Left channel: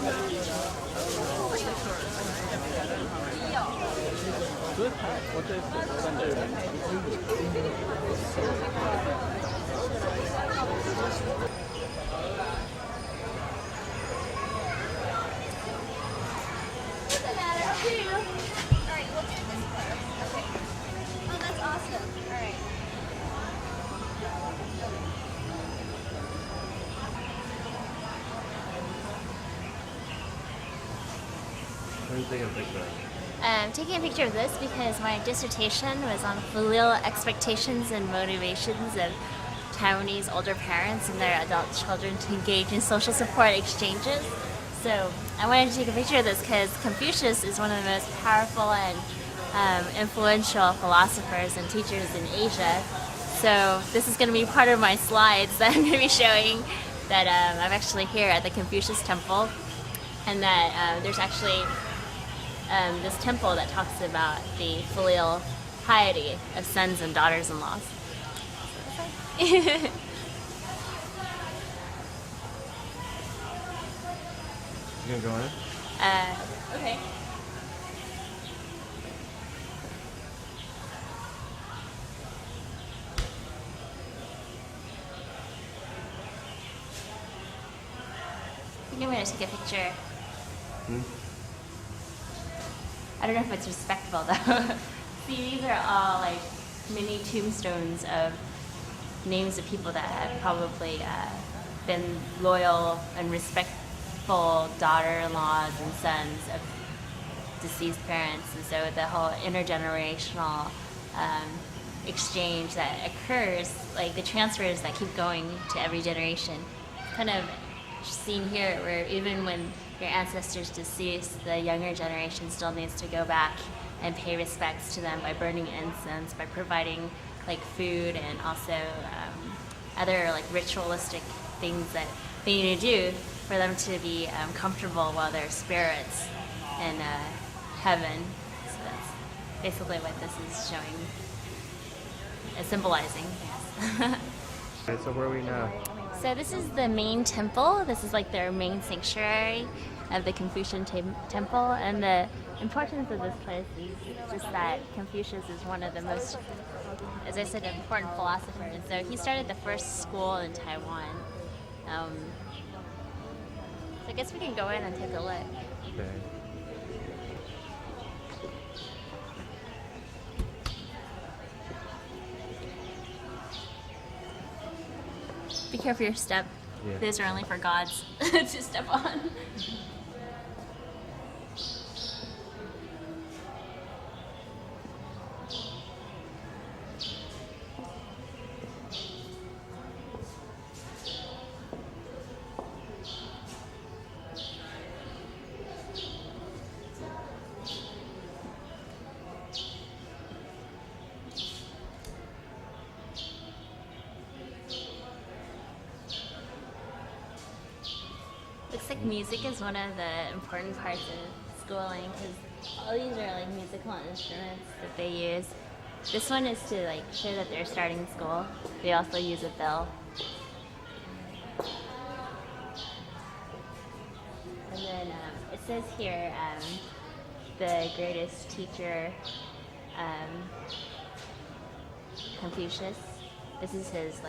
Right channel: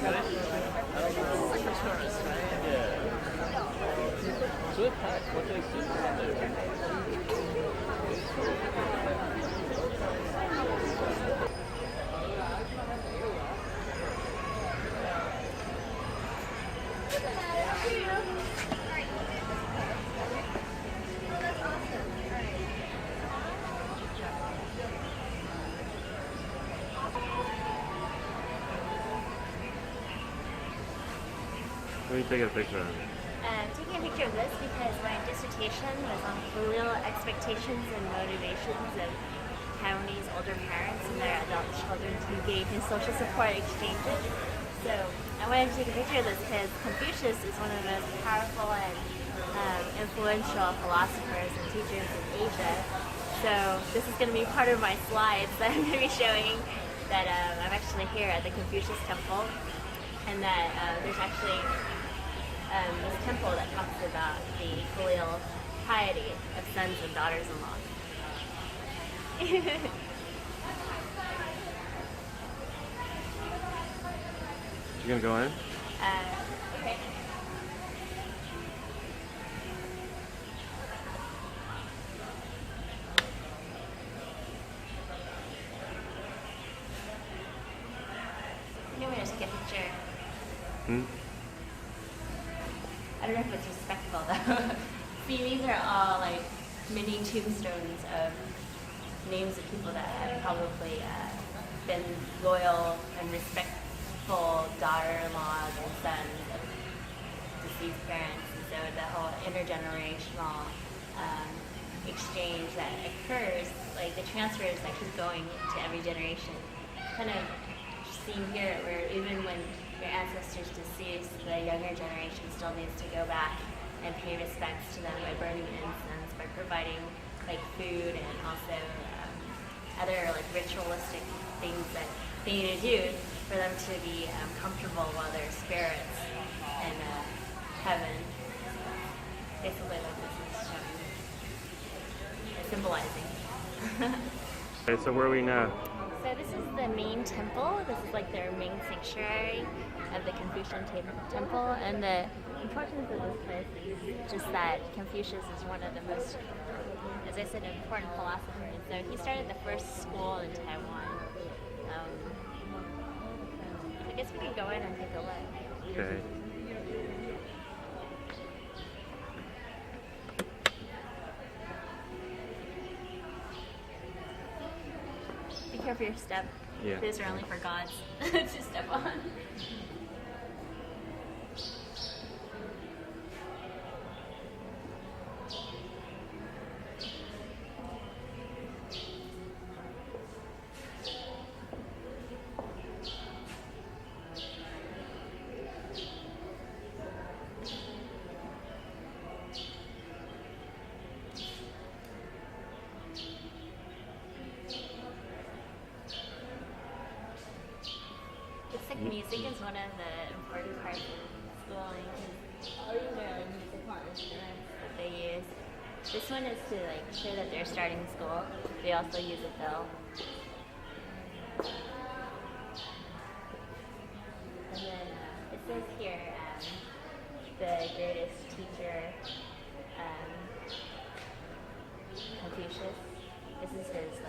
good? I don't know. Like for tourists, right? Yeah. So it's packed. What day I'm taking a picture of this because my dissertation was on filial expectations and motivations of Taiwanese older parents and their adult children to engage in social support exchanges. So I wanted to take a picture of this because Confucius is one of the most powerful and influential philosophers and teachers in Asia. So this is going to be part of my slides that I'm going to be showing that I'm actually here at the Confucius Temple, and that there's actually this temple that talks about the filial piety of sons and daughters-in-laws. You gonna go in? Okay. I think I'm going to take a picture. I don't know if it's respectful though. See, these are all like mini tombstones of names of people that have probably been loyal and respectful daughter-in-laws and sons of deceased parents. And so the whole intergenerational exchange that occurs, like the transfers that keep going to every generation, kind of seen here where even when your ancestors deceased, the younger generation still needs to go back and pay respects to them by burning incense, by providing like food and also other like ritualistic things that they need to do for them to be comfortable while they're spirits in heaven. So that's basically what this is showing, symbolizing. So where are we now? So this is the main temple. This is like their main sanctuary of the Confucian temple, and the importance of this place is just that Confucius is one of the most, as I said, important philosophers. So he started the first school in Taiwan. So I guess we can go in and take a look. Okay. Be careful your step. Yeah. These are only for gods to step on. Looks like music is one of the important parts of schooling because all these are like musical instruments that they use. This one is to like show that they're starting school. They also use a bell. And then it says here the greatest teacher, Confucius. This is his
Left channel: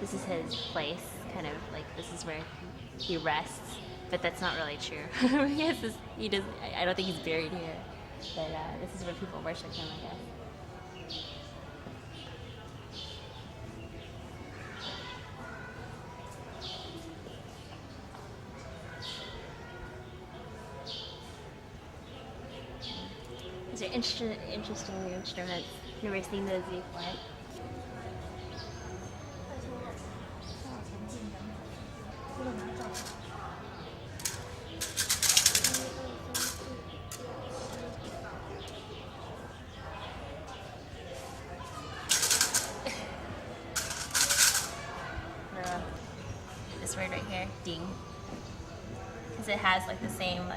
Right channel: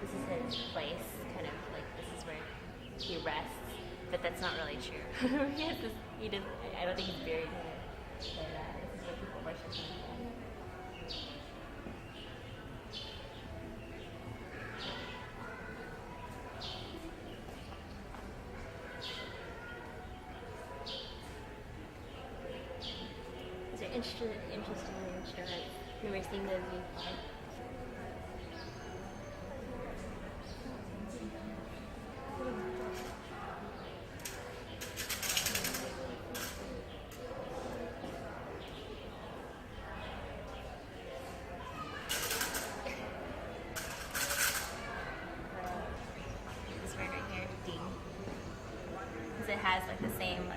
this is his place. Kind of like this is where he rests, but that's not really true. He does. I don't think he's buried here, but this is where people worship him, I guess. These are interesting new instruments. Never seen those before. This word right here, ding, because it has like the same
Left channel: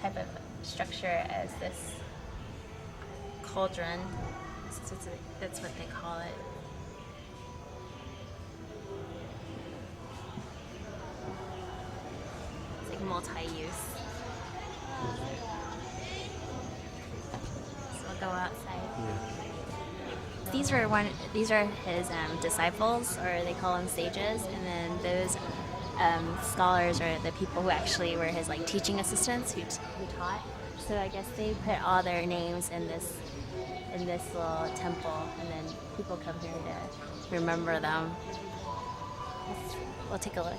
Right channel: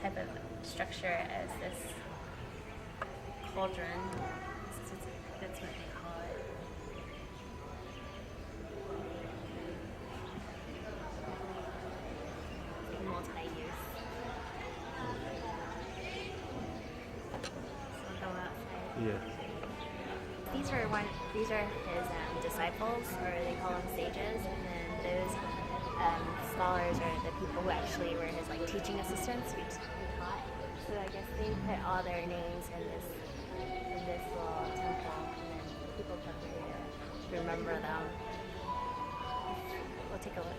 type of structure as this cauldron. That's what they call it. these are his disciples, or they call them sages, and then those scholars are the people who actually were his like teaching assistants who taught. So I guess they put all their names in this little temple, and then people come here to remember them. We'll take a look.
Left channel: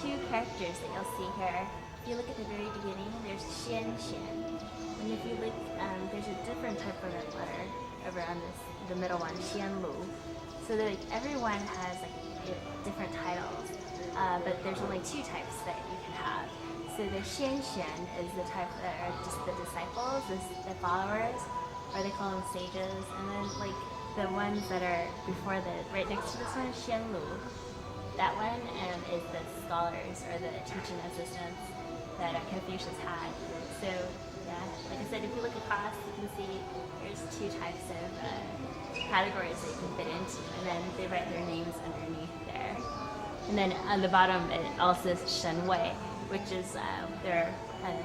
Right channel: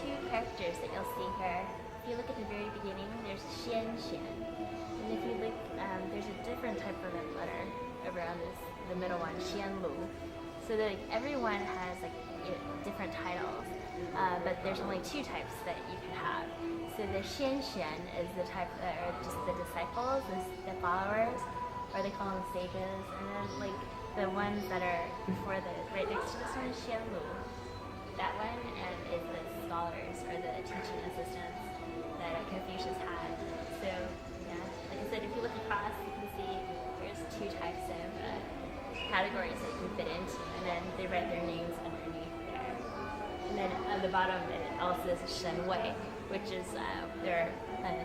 Two characters that you'll see here. If you look at the very beginning, there's Xian Xian, and if you look, there's a different type of letter over on the middle one, Xian Lu. So like everyone has like different titles, but there's only two types that you can have. So the Xian Xian is the type that are just the disciples, the followers, or they call them sages, and then like the ones that are before right next to this one, Xian Lu. That one is the scholars or the teaching assistants that Confucius had. So yeah, like I said, if you look across, you can see there's two types of categories that you can fit into, and then they write their names underneath there. And then on the bottom, it also says Shen Wei, which is their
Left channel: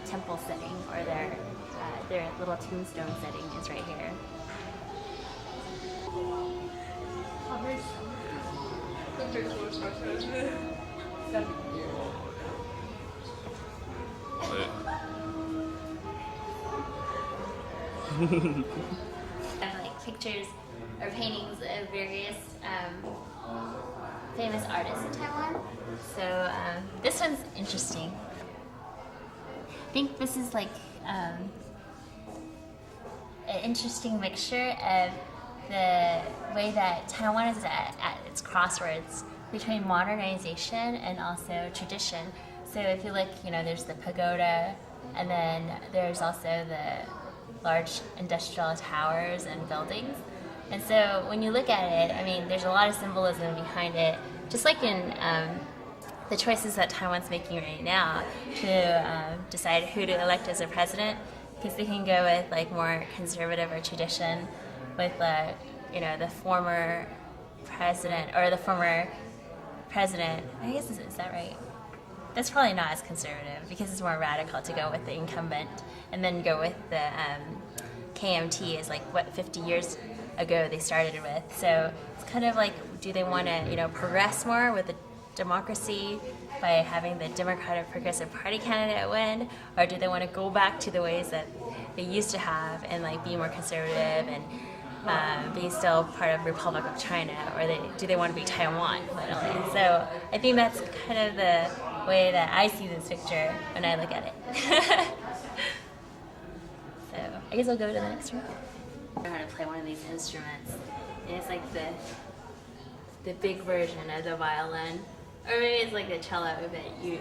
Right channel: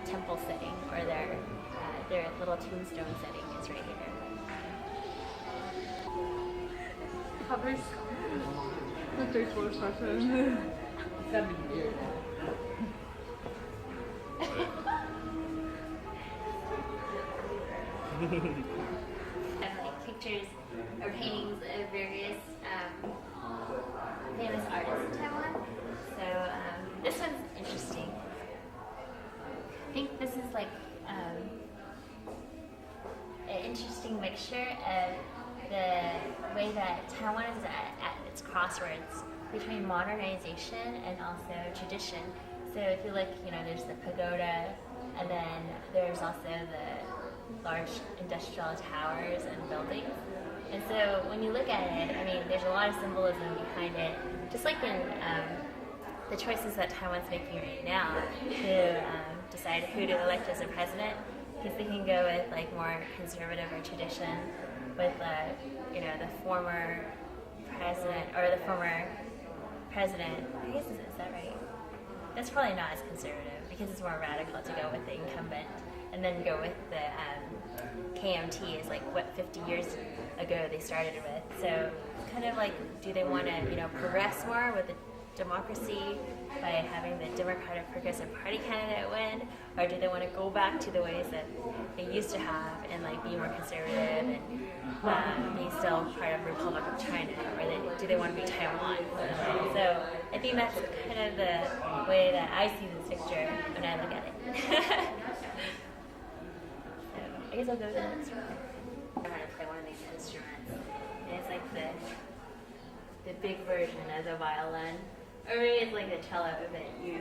temple setting, or their little tombstone setting is right here. Like pictures or paintings of various famous artists in Taiwan. So this one's interesting. I think this is like an interesting mixture of the way that Taiwan is at its crossroads between modernization and also tradition. So if you look, there's the pagoda, and then there's also the large industrial towers and buildings. And so when you look at it, I mean, there's a lot of symbolism behind it, just like in the choices that Taiwan's making right now to decide who to elect as a president, because they can go with like more conservative or tradition with the former president, or the former president, I guess, is that right? That's probably not as conservative, because it's more radical to go with the incumbent, and then go with the KMT is like what 50 years ago they started with. So it's kind of like, do they want to progress more with the democracy by having the Democratic Progressive Party candidate win, or do they want to go back to the ways that they used to have and like be more conservative and be still part of Republic of China, or do they want to be Taiwan? So I think that's kind of the way that I see this picture when I look at it. So I guess I'll go to the next one. I know how to play one of these instruments. And it's like the big version of the violin, or maybe it's like the cello, but you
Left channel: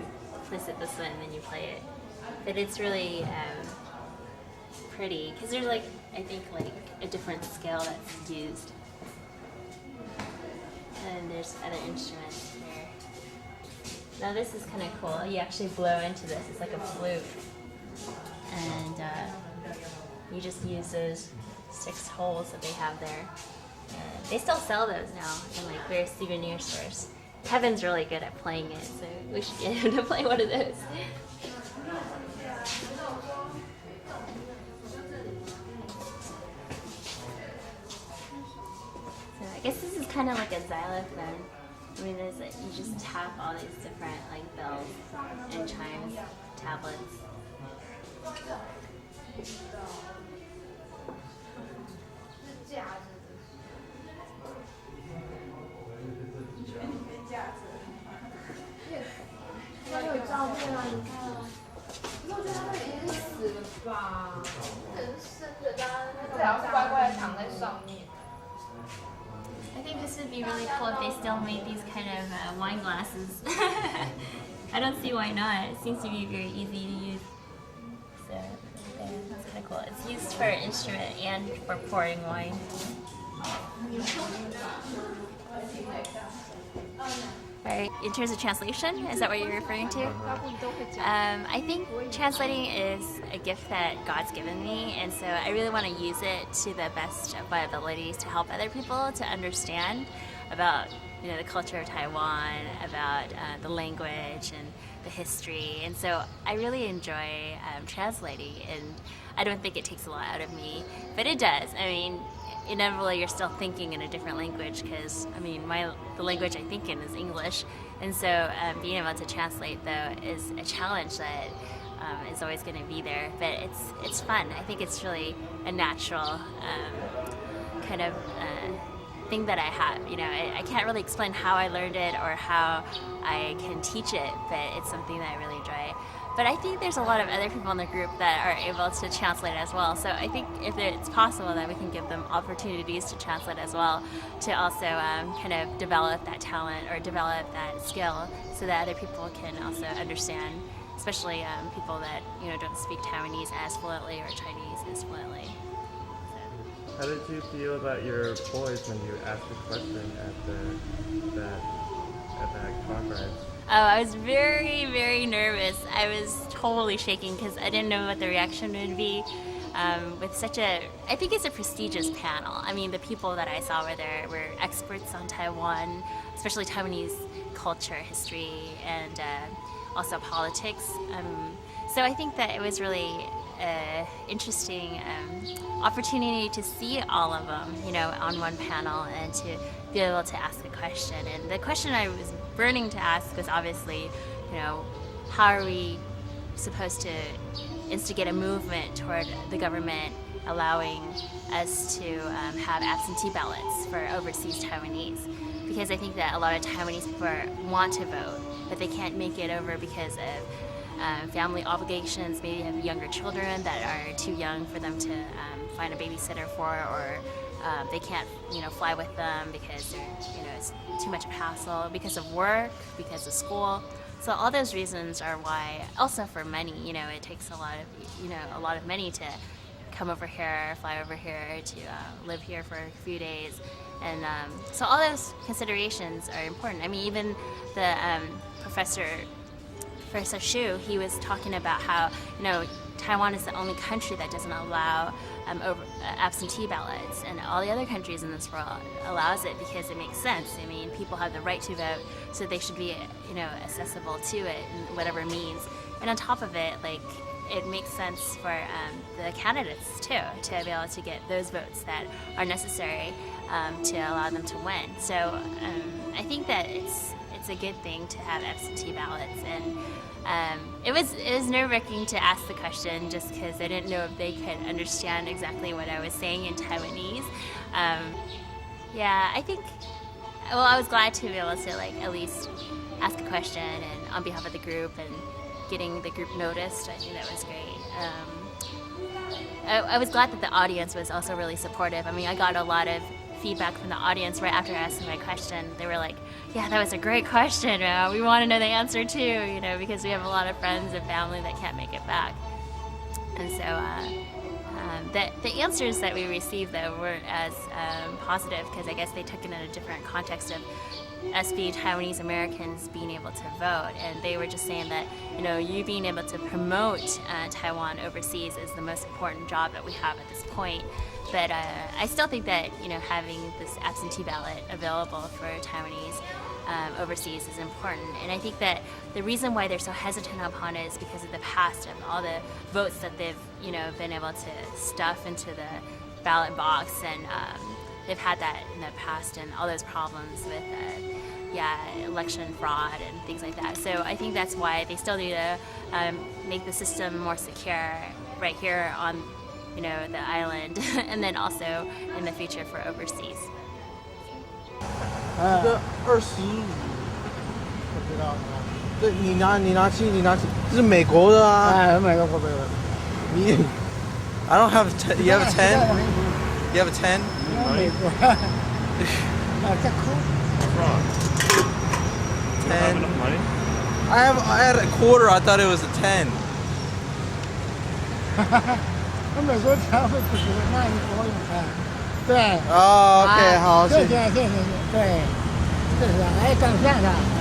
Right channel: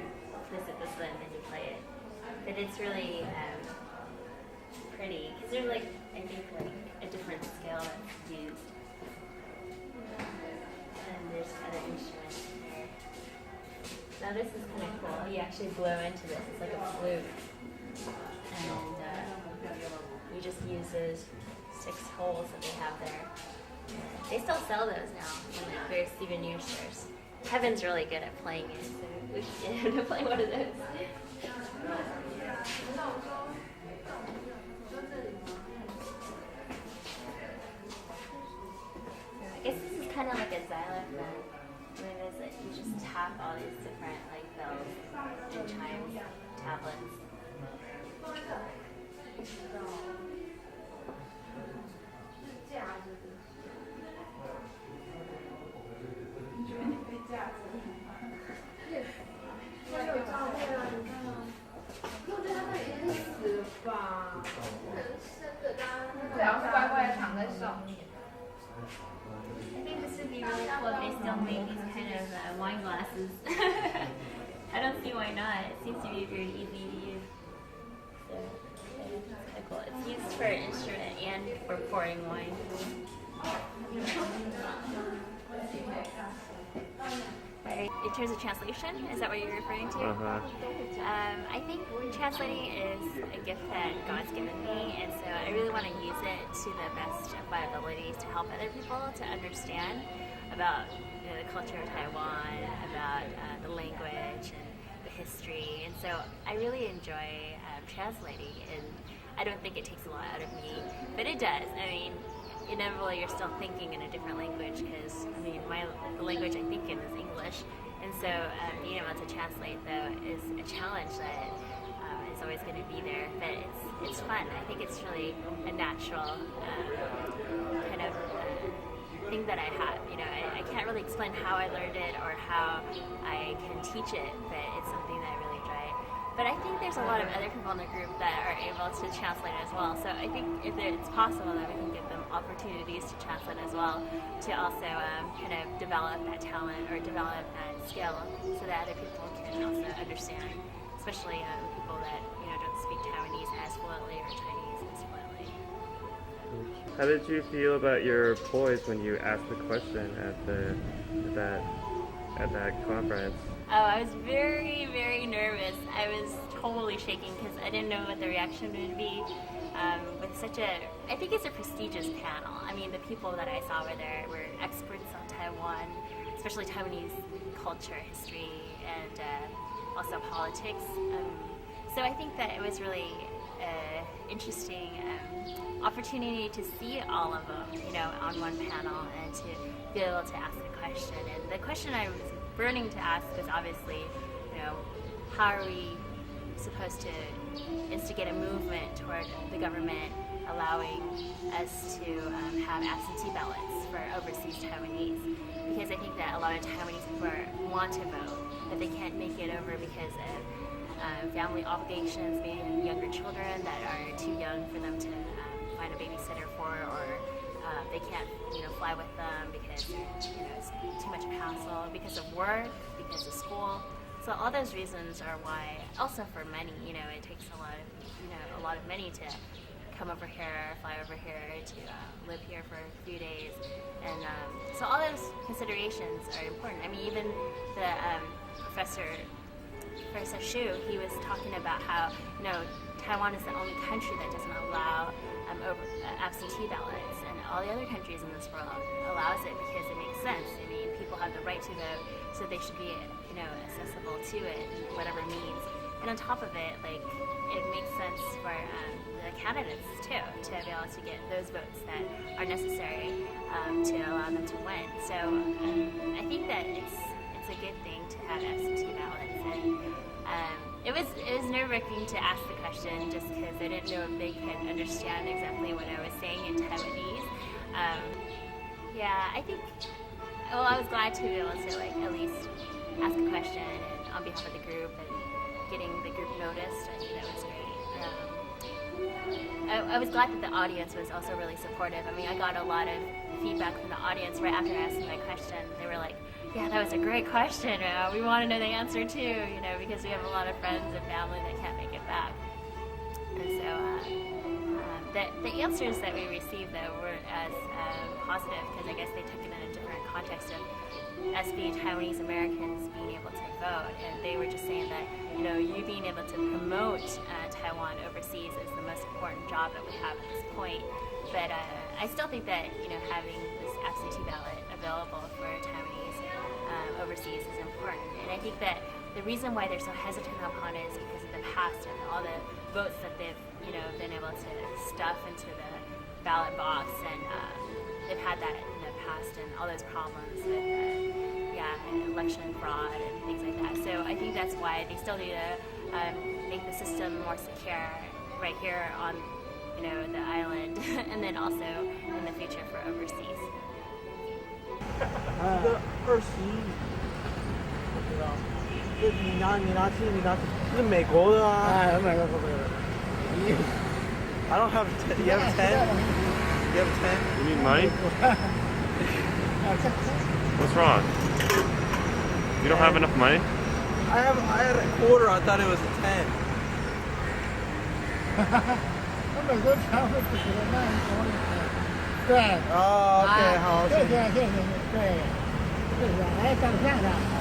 place it this way and then you play it. But it's really pretty, because there's like, I think like a different scale that's used. And there's other instruments here. Now this is kind of cool. You actually blow into this. It's like a flute. And you just use those 6 holes that they have there. And they still sell those now in like various souvenir stores. Kevin's really good at playing it, so we should get him to play one of those. I guess this is kind of like a xylophone. I mean, there's like, you just tap all these different like bells and chimes, tablets. I think this would be really cool if they still made these kind of wine glasses. I don't see why not. It seems to be very easy to use. So, yeah, it's kind of cool. It's used for an instrument and for pouring wine. Right. in terms of translation, is that what you're referring to? I think translating is a gift that God's given me, and so I really want to use it to the best of my abilities to help other people to understand about the culture of Taiwan, about the language and the history, and so I really enjoy translating, and I don't think it takes a lot out of me, but it does. I mean, inevitably you're still thinking in a different language because the language I think in is English, and so being able to translate though is a challenge that is always going to be there, but it's fun. I think it's really a natural kind of thing that I have. I can't really explain how I learned it or how I can teach it, but it's something that I really enjoy. But I think there's a lot of other people in the group that are able to translate as well. So I think if it's possible that we can give them opportunities to translate as well, to also kind of develop that talent or develop that skill so that other people can also understand, especially people that don't speak Taiwanese as fluently or Chinese as fluently. How did you feel about your boys when you asked the question at that conference? Oh, I was very, very nervous. I was totally shaking because I didn't know what the reaction would be with I think it's a prestigious panel. I mean, the people that I saw were experts on Taiwan, especially Taiwanese culture, history, and also politics. So I think that it was really interesting opportunity to see all of them, on one panel and to be able to ask a question. And the question I was burning to ask was obviously, how are we supposed to instigate a movement toward the government allowing us to have absentee ballots for overseas Taiwanese? Because I think that a lot of Taiwanese people want to vote, but they can't make it over because of family obligations, maybe have younger children that are too young for them to find a babysitter for, or they can't, fly with them because it's too much of a hassle, because of work, because of school. So all those reasons are why. Also for money, it takes a lot of money to come over here, fly over here, to live here for a few days, and so all those considerations are important. I mean, even the Professor Shu, he was talking about how Taiwan is the only country that doesn't allow absentee ballots, and all the other countries in this world allows it because it makes sense. I mean, people have the right to vote, so they should be accessible to it in whatever means. And on top of it, it makes sense for the candidates too to be able to get those votes that are necessary to allow them to win. So I think that it's a good thing to have absentee ballots, and it was nerve-wracking to ask the question just because I didn't know if they could understand exactly what I was saying in Taiwanese. I think, I was glad to be able to at least ask a question and on behalf of the group and getting the group noticed. I think that was great. I was glad that the audience was also really supportive. I mean, I got a lot of feedback from the audience right after asking my question. They were like, yeah, that was a great question. We want to know the answer too, because we have a lot of friends and family that can't make it back. And so the answers that we received, though, weren't as positive because I guess they took it in a different context of us being Taiwanese Americans being able to vote. And they were just saying that, you being able to promote Taiwan overseas is the most important job that we have at this point. But I still think that, having this absentee ballot available for Taiwanese overseas is important. And I think that the reason why they're so hesitant upon it is because of the past and all the votes that they've, been able to stuff into the ballot box. And they've had that in the past and all those problems with, election fraud and things like that. So I think that's why they still need to make the system more secure right here on the island, and then also in the future for overseas. 这个20，我不知道。这你拿去，这是美国的啊。哎，美国的。你 I don't have a 10. You have a 10? You have a 10? 美国。这哭。What's wrong? You don't have enough money? I had a quarter. I thought it was a 10. 我美国才会不知道，那你懂了啊？对。Oh, okay. 好，谢谢。对，这是哎，照片上。